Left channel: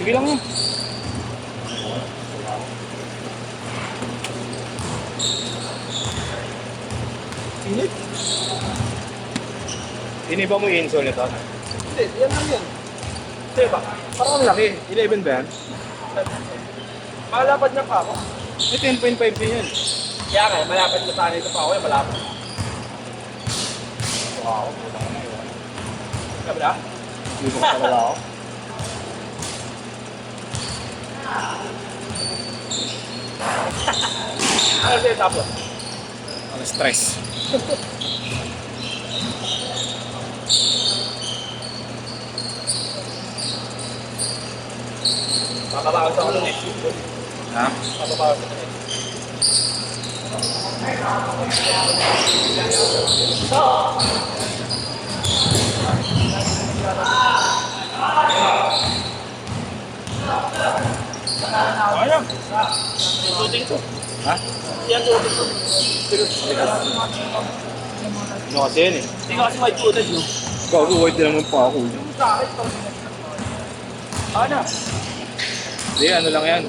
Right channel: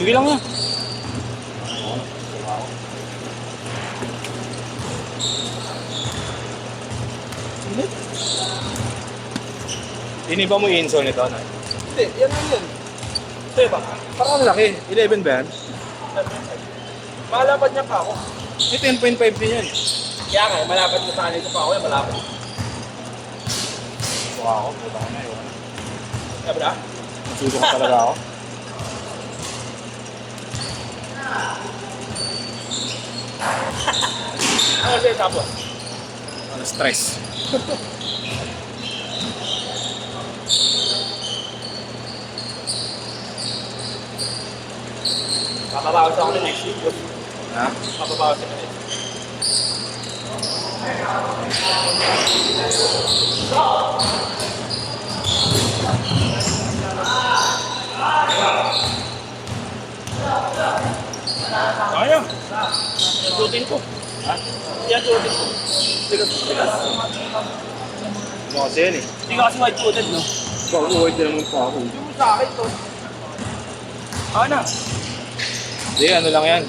Sige lang yan. Init. Iniba mo yung insole nito? Hindi, yan lang yan. Ito ba? Parang ang laki. 11 ba yan? Malapad niya pa ako. May 10.5 din yan. Kaya nga, malapad na sana ito pa ako. Malapad. Wow, puta ka na yun. Sabi na? Susok talaga ako. Ano siya tapos? Ano, stress. Mapabawas ako ng next week. Ha? Mapabawas ako next week. Ano? Yung shooting ko. Ha? Yan shooting ko. Ano kasi yan eh? Hindi ka kasi white-coated, no? Ikaw, white din naman pa ako. Yung sa akin to. Ano? Hindi, ano lang yan.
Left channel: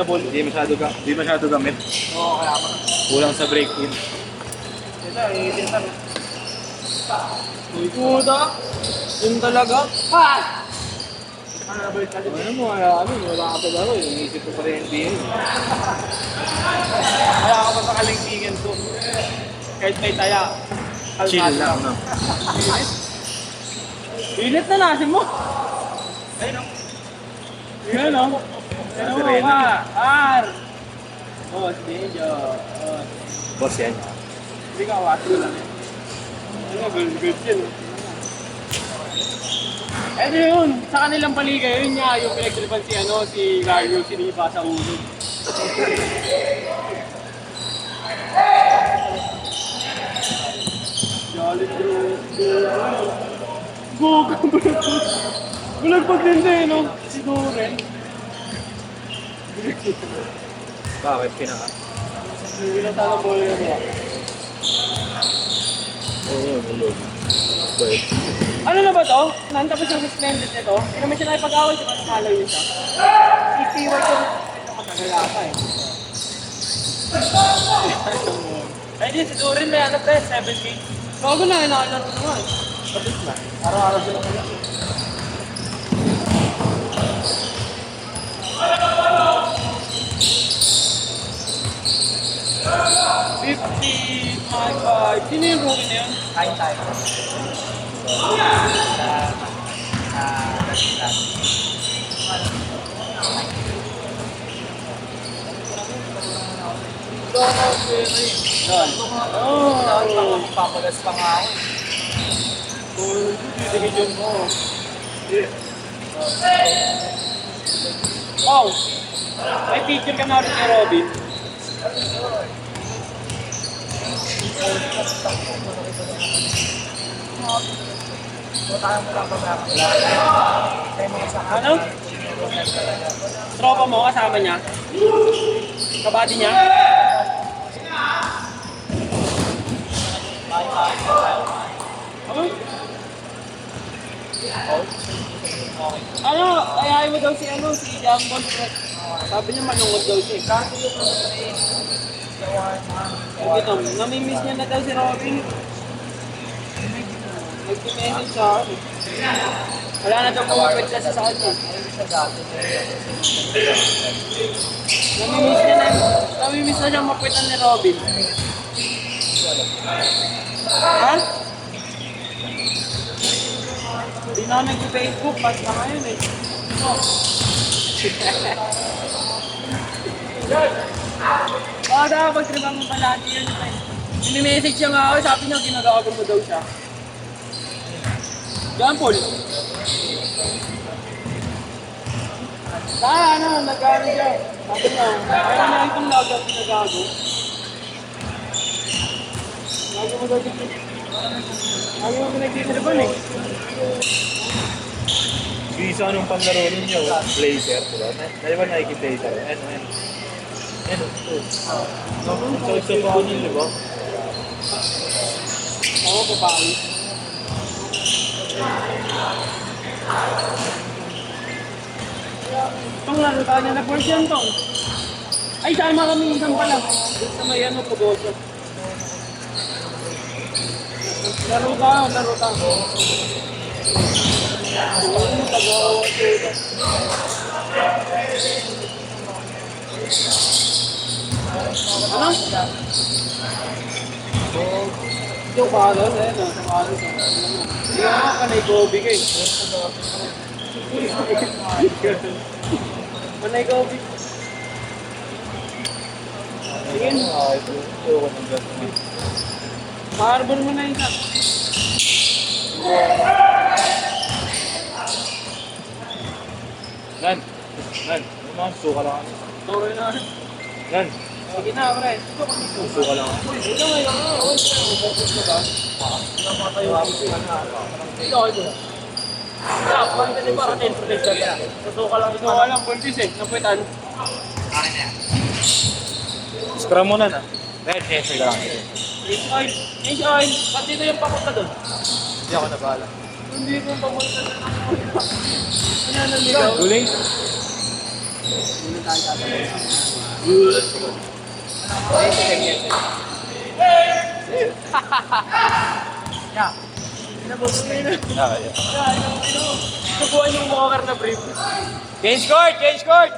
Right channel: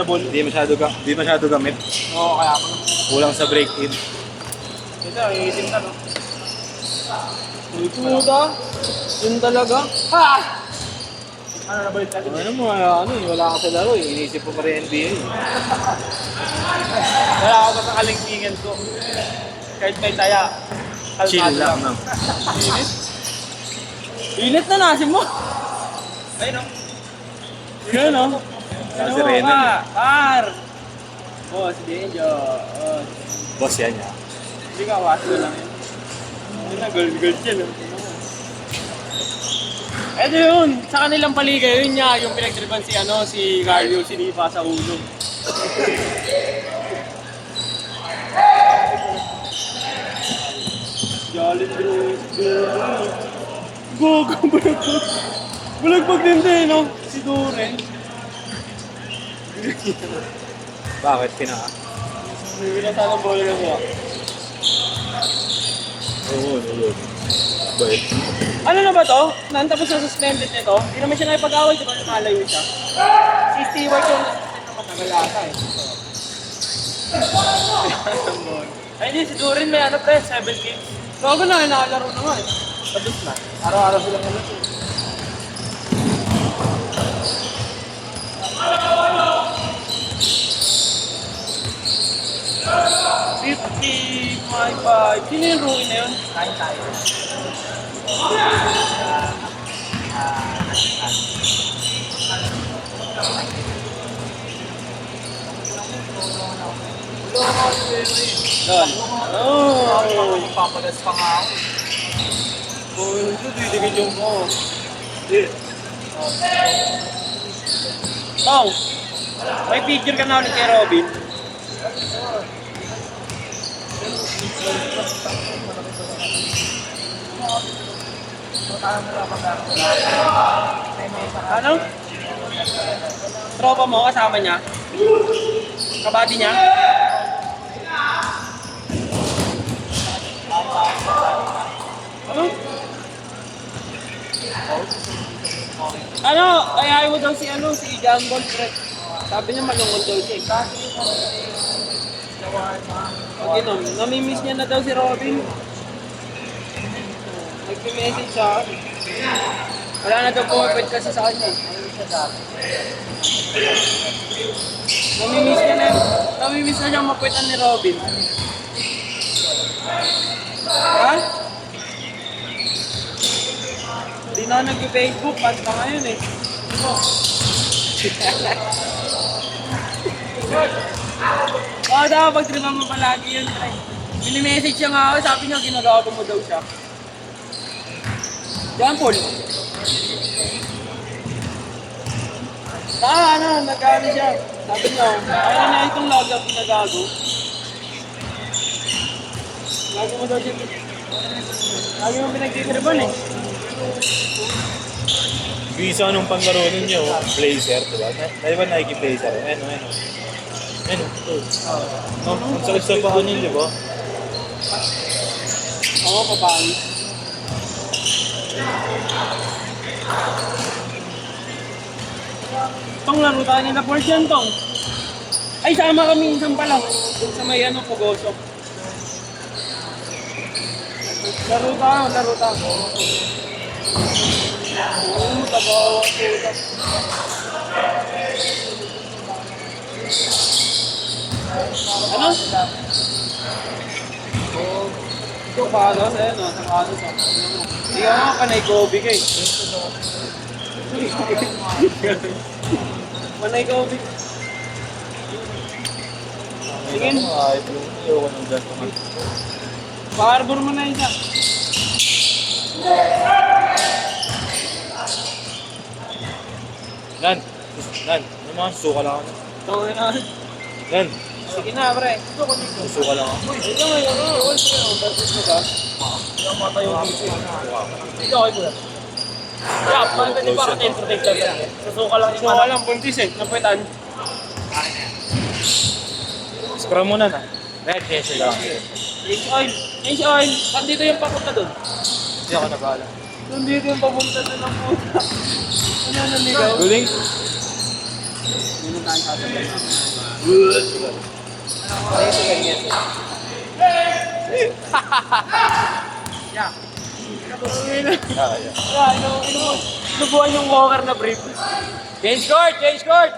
Hindi masyado gamit. Oo, kaya ako. Kulang sa brake in. Ito, iisin ka na. Uy, puta. Yun talaga. Ha! Ano mo, ano eh, wala ka sa laro eh. Iniisip ko pa rin NBA. Kaya ako makakalingkingan ko. Kahit may taya. Chill lang, no? Init? Init na nasin mo. Ayun o. Yun o. Ano Si mo Reno. mga? Par! Oh, si Benjo. Oh. Boss yan. Hindi ka awas ko lang yun. Ano, girl yun o. Eto yun, sa kanilang paligay, yun niya, yung pinagtripan si, si Gario, sinipa sa ulo. Yalit ko Gogo, bulagbag din din, no? Si Duren. Bakit pinaka? Hindi na sana bola yung mo. Oo, yun. Bakit? Ano na ba to? Nantapos yung suspended nito. Hindi naman siya nakipag-awal siya kasi malayo siya. Si Stewart yung suspended na pagkagalata eh. Ay hindi, si Durin may ano pa 7 games. Bago na, nakalaro na nga eh. Tapos na. Araw-araw sila na. Sino yung rookie na yun? Kain tayo. Papagas pa nga ako. Oh, may picture ka na ulit kay Robin. Ano? Tropa mo, kasama niya? Kabady niya? Ano? Ayayin mo daw si John Bon Fred. Sabi niya manungod daw siya. Pag ito, namimiss niya na daw si Robin. Mag-message sa akin. Wala na daw pumapit kasi sa kanya. Namimiss na siyang mapuitan ni Robin. Ha? Hindi na ako nag-Facebook, basta ngayon eh. Dapat pag-tripan mo palagi yun. Mini-message siya nga ako, sabi niya ginagawa mo daw siya. John Paul. Nag-ano siya. Sabi niya, kaya na itong log-up ginagago. Lagi mo daw dito. Lagi mo pinagtitripan eh. Yung isa nung panlaro ninyo, Blazer, diba? Dahil ba Nike Blazer? Ano. Ang salip-salipahan yun, diba? Ako, papangit. Laro tayo na portion to. Ay, sama kami isang pala. Sa may ano, pag-osok. Laro tayo. Oo, tabawa ko ito. Ano? Ito pa doon, no? Sa kaso to. Hindi ka nga panay Kobe ka eh. Panay Kobe. Tingin. Pakarbor mo na isa. Nan. Ano mga suka lang ako. Okay na. Nan. Sige na, pre. Suka lang ako. Suka lang, puntis eh. Napitan. Scrum mo na na. Red chaser lang. Change oil. Change oil. Ba't dito yung papunta doon? Hindi ako nabahala. Hindi ko yung papunta doon. Ano nandito? Guling? Yeah. Inabot mo yun. Ah, yeah. Yeah, subuhan yung walker na brief. Change court! Change court!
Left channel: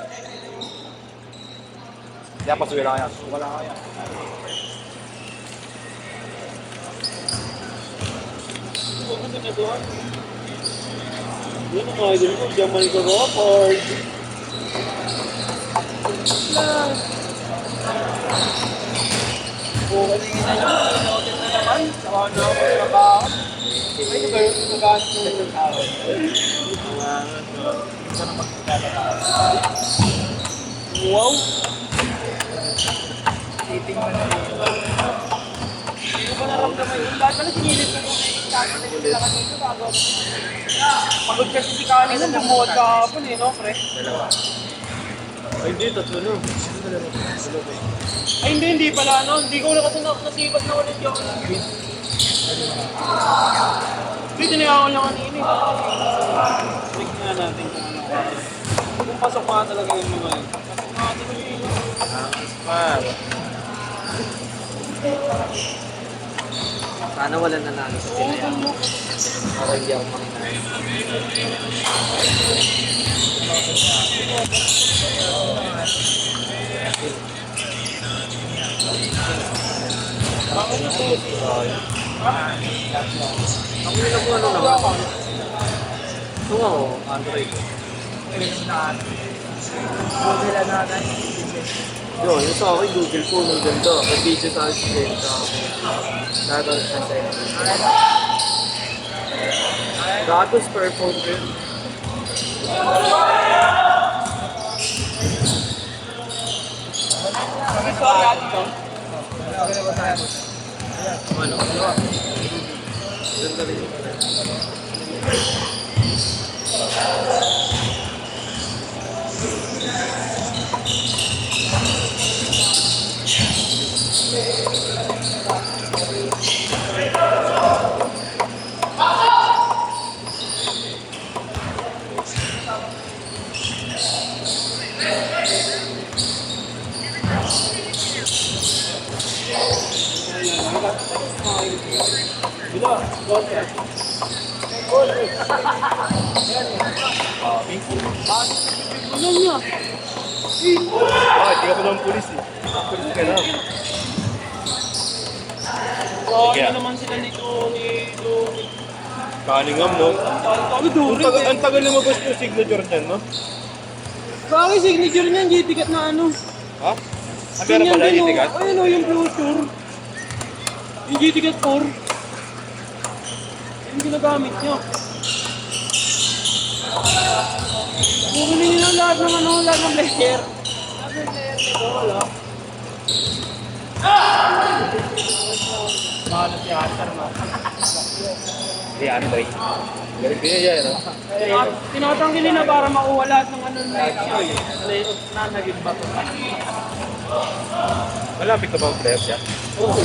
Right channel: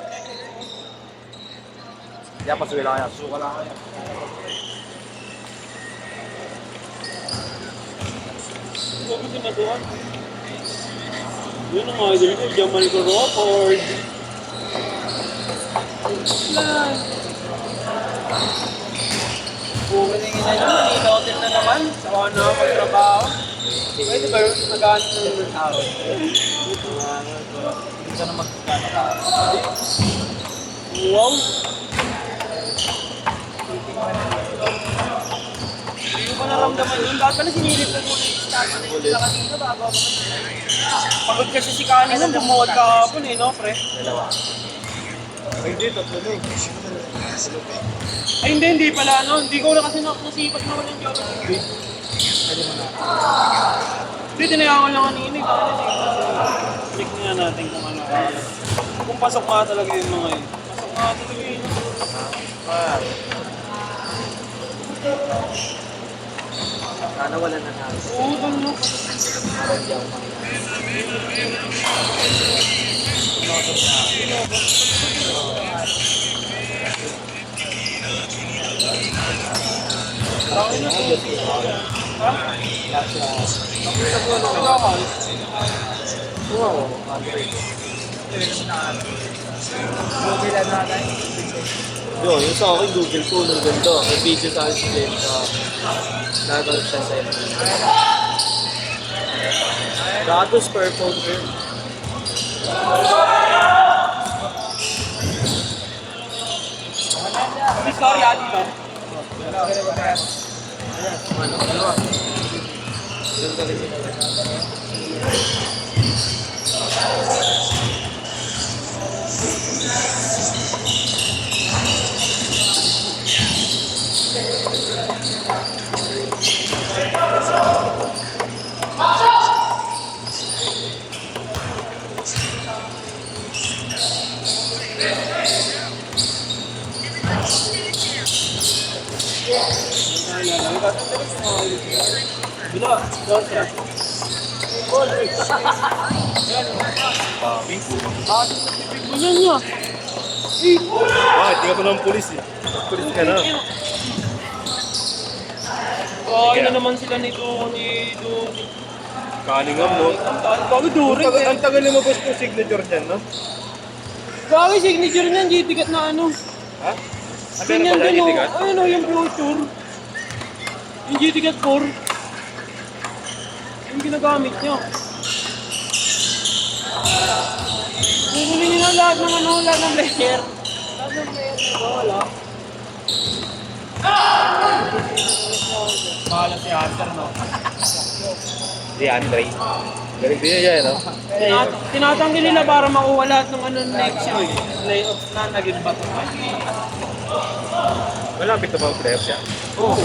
Hindi ako pasuwi lang kaya. Suka lang kaya. Huwag mo ginagawa. Yun ang mga idol ko. Jamal Crawford. Lang. Okay na yung ina nyo. Malinotin na naman. Ano? Pwede ba yun? Magkakasin na yung tao. Wow! Titingnan na dito. Hindi ko naramdaman yung lahat pala sinilip ko muna yung start na yung sila kanito bago ako. Pagod kasi si Kali na bumuhat kahapon eh, no, pre? Dalawa. Ay, hindi. Tatlo lang. Ay, hindi pala, no? Hindi ko na kasi nasipat na walang joke ng green. Hindi, tinayaan ko lang kanina eh. Check na natin kung ano. Kung pasok nga talaga yung mga yun. Pasok nga talaga yun. Sana wala nanalo sa Oo, doon mo. Para hindi ako makinalo. Bakit na po? Ha? Ito ako, Android. Mobile na natin. Yun, yung sa akin, Google po, nung ganda. May video tayo sa ganda. Nadarap siya sa inyo. Datos per phone rin. Sorry, ate ko. Ano? Ganda rin yun. Ilan niya? Bakit? Di ka pa ng pulis eh. Pulis ka na. Okay na naman sila nito. Cunningham, no? Kami duro. Ang tagal lumabas yung signature niyan, no? Bakit signature niyan? Hindi tikat na ano. Ha? Ganyan pala din yung o. tigat? Ayun o, yung future. Yung GTCAT 4. Yung ginagamit niya. Bumili nila lahat ng ano, lahat ng player. Lahat ng player nito, wala. Si Andre. Galing din niya, no? Tinatanggi nila para makuha lahat ng ano next year. Playoffs na naging bato. Malapit na ba ang playoffs siya? Oo.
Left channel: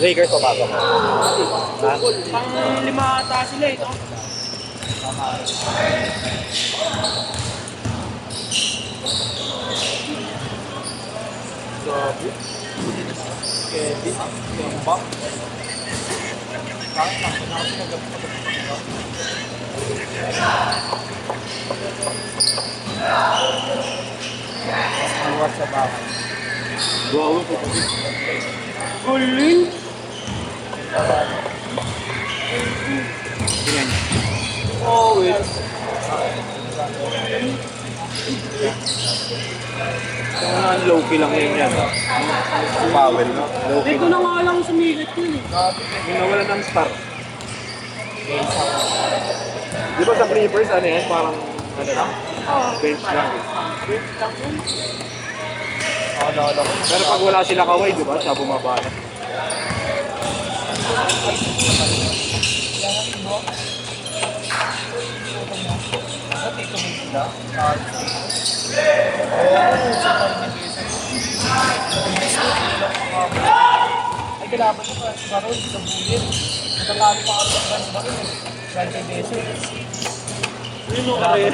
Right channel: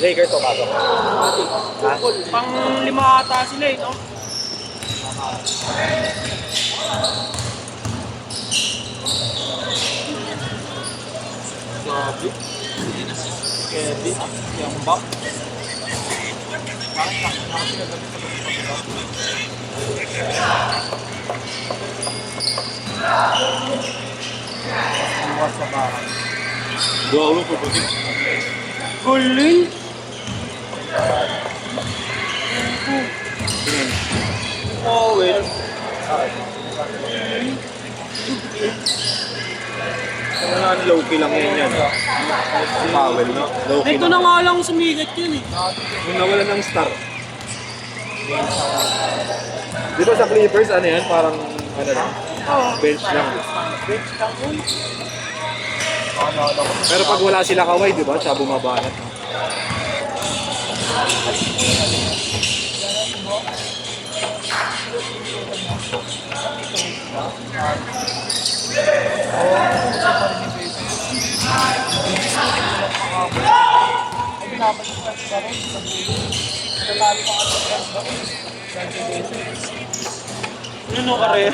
Lakers o bago? Pang 5 ata sila eh, no? Grabe. Kedi. Kemba. Bakit lang? Ako sinagabi pa ito. Buwas sa bahay. Go po po. Kulin. Tingnan. Oh, wait. Kung nga low-key lang yun yan. Powell, no? Low-key. Dito na nga lang sumigat yun eh. Yung nawala ng start. Di ba sa Clippers, ano yan? Parang, ano lang? Bench lang. Naalala ko. Pero pag wala sila Kawhi, di ba? Siya bumabanat. Yun o kare.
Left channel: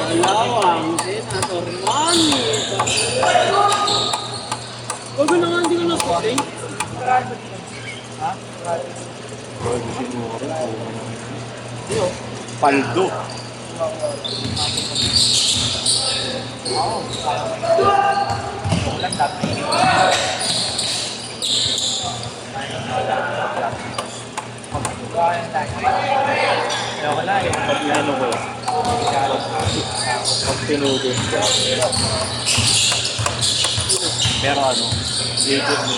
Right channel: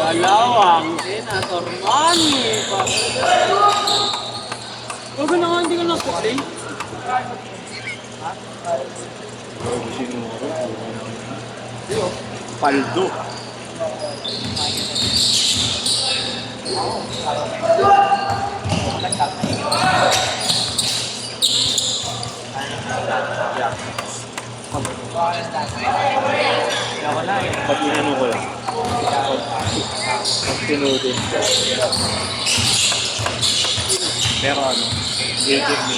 Dalawang senator money. Huwag na nga hindi ko nakaplay. Bago sinuro. Paldo. Kaya wala eh. Pag inano ko lang. Pag tinudod ko. Pero ano, gated mo.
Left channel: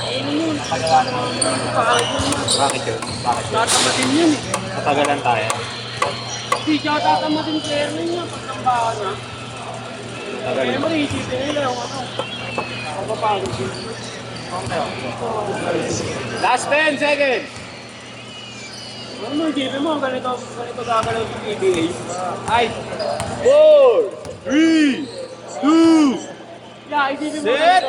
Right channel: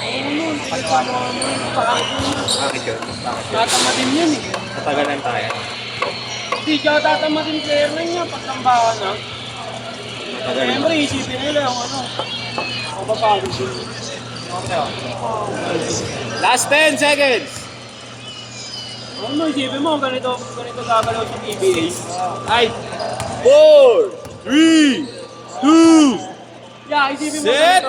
Ano nun? Ay, paano nga pangit yun na. Bakit yun? Bakit yun? Tatamatin yun eh. Matagalan tayo. Hindi siya tatamatin player na yun. Pagtambahan na. Matagalan. Siyempre, isipin nila yung ano. Kapapagod yun. Last 10 seconds! Ano mo, isipin mo, ganito gagalaw sa PBA. Ay, 4, 3, 2, yeah, isipin mo. Set!